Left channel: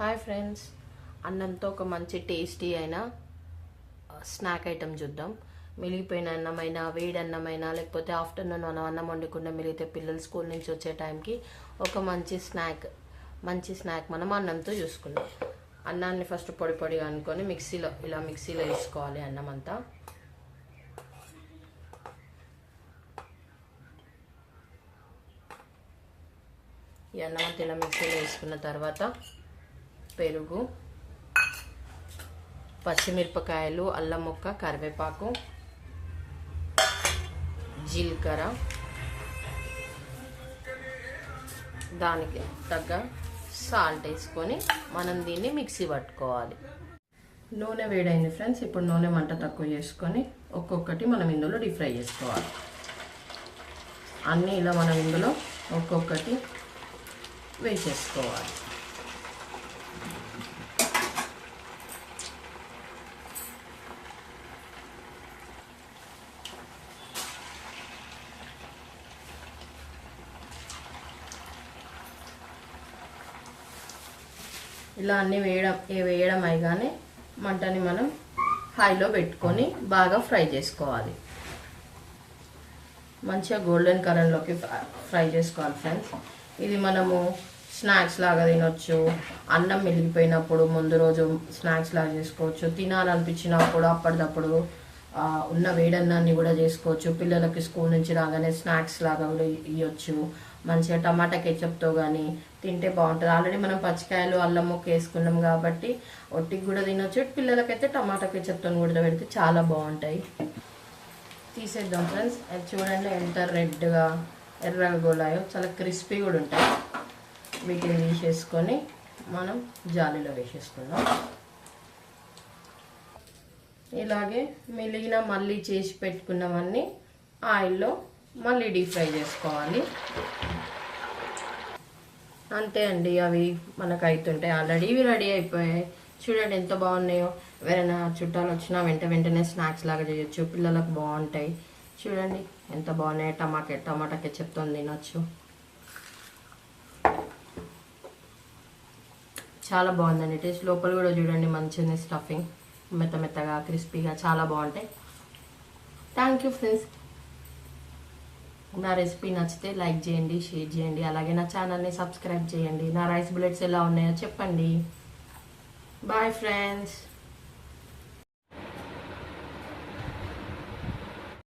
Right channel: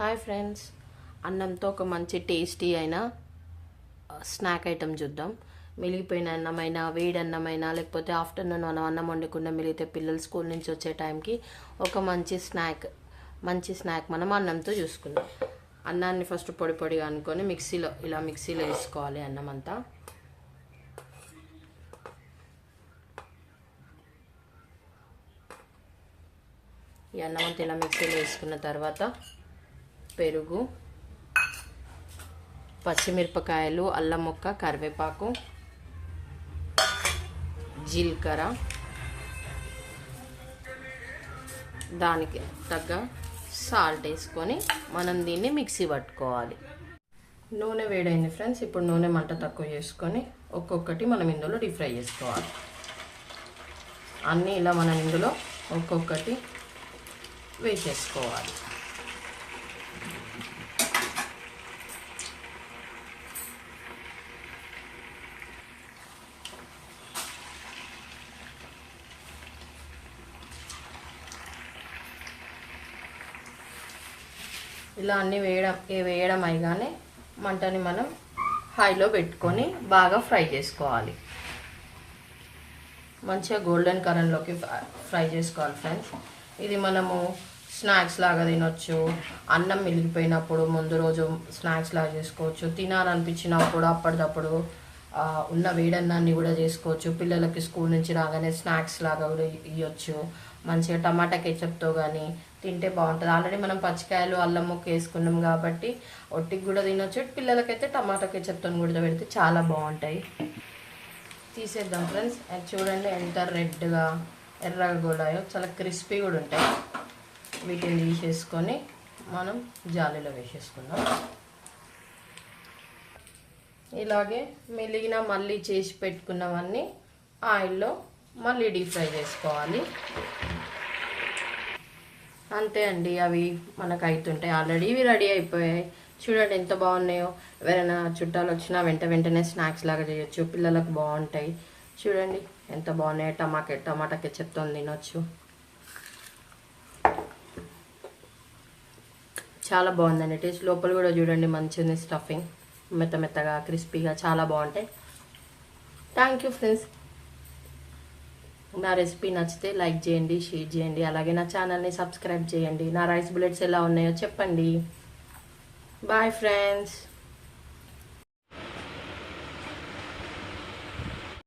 Hi friends, అన్నంతో ఒక మంచి టేస్టీ అయిన స్నాక్ ఐటమ్ చూద్దాం. మిగిలిపోయిన అన్నమైనా, వేడి అన్నమైనా, లేకపోతే ఆఫ్టర్నూన్ మనం అన్నం వండకుండా మిగిలితే పిల్లలు స్కూల్ నుంచి వచ్చే టైంకి ఒక మంచి స్నాక్ మనం అన్నంతో చూసుకుందాం. అన్నాన్ని ఫస్ట్ పొడి పొడిగా అనుకొని మిక్సీలో వేసుకోవాలి. అన్నం అంతా ఈ అన్నం అంతా ఇలా మిక్సీలో వేసుకున్న తర్వాత పెరుగు, పచ్చిమిరపకాయలు, అల్లం ముక్క, కరివేపాకు, జీలకర్ర, దానికి తగ్గ సాల్ట్ వేసుకొని మనం దీన్ని మిక్సీ పట్టుకోవాలి. నూనె వేడైంది ఫ్రెండ్స్. ఇప్పుడు నూనె మంట తక్కువ చేసుకొని ఒక్కొక్కటి మనం ఇందులో డీప్ ఫ్రై చేసుకోవాలి. అన్నీ ఇలా మనం ఇందులో ఒక్కొక్కటి వేసేసుకోవాలి. ఇలా అన్నీ వేయడం అయిగానే మంటని మనం హైలో పెట్టుకొని బాగా ఫ్రై చేసుకోవాలి. మంచిగా గోల్డెన్ కలర్లోకి ఫ్రై చేసుకోవాలి ఫ్రెండ్స్. ఇది మనము స్నాక్స్ లాగా తినొచ్చు. అన్నం మిగిలిపోయినప్పుడు ముందు రోజు స్నాక్స్ లాగా చేసుకోవచ్చు. తినాలనిపించినప్పుడు అప్పటిదప్పుడు ఉన్న వేడన్నాన్ని కూడా చేసుకోవచ్చు. పిల్లలకి స్కూల్ నుంచి రాగానే స్నాక్స్ లాగా కూడా ఇవ్వచ్చు. మంచిగా టమాటా కెచప్తో కానీ తింటే బాగుంటుంది. ఆల్రెడీ మనం పచ్చికాయలు, అల్లం ముక్క వేసుకున్నాం కాబట్టి ఒట్టికి కూడా తినొచ్చు. పిల్లలకైతే టమాటా కెచప్తో కూడా పెడితే చాలా బాగుంటాయి. తీసేద్దాం ఫ్రెండ్స్. అది చూడండి ఎంత రెడ్గా ఎర్రగా గోలాయో, చాలా క్రిస్పీ కూడా ఉంటాయి. వీటిని తీసేసుకొని మనం జాలీలో వేసేసుకుందాం. ఇలాగే మిగిలిన మళ్ళీ చేసి పెట్టుకున్నవన్నీ ఆయిల్లో మళ్ళీ డీప్ ఫ్రై చేసుకోవాలి. అంతే అండి, అవి మనకు అవుతుంటాయి. ఆల్రెడీ ఇవి రెడీ అయిపోయాయి. చూడండి ఎంత బాగున్నాయో. ఎవరైనా చుట్టాలు వచ్చినా వెంటనే స్నాక్స్ లాగా చేయొచ్చు. పిల్లలకు బాగుంటాయి. చూడండి ఎంత బాగున్నాయి. టమాటా కెచప్తో తినొచ్చు. చాలా బాగుందండి టేస్ట్. లోపల కూడా చూడండి మంచిగా స్టఫింగ్ మెత్తగా క్రిస్పీగా చాలా బాగుంటాయి. Thank you friends. నా రెసిపీ నచ్చితే లైక్ చేయండి, షేర్ చేయండి. అలాగే నా ఛానల్ని సబ్స్క్రైబ్ చేయండి. నా రైస్ బుల్లెట్స్ ఎలా ఉన్నాయో చెప్పండి. Bye friends.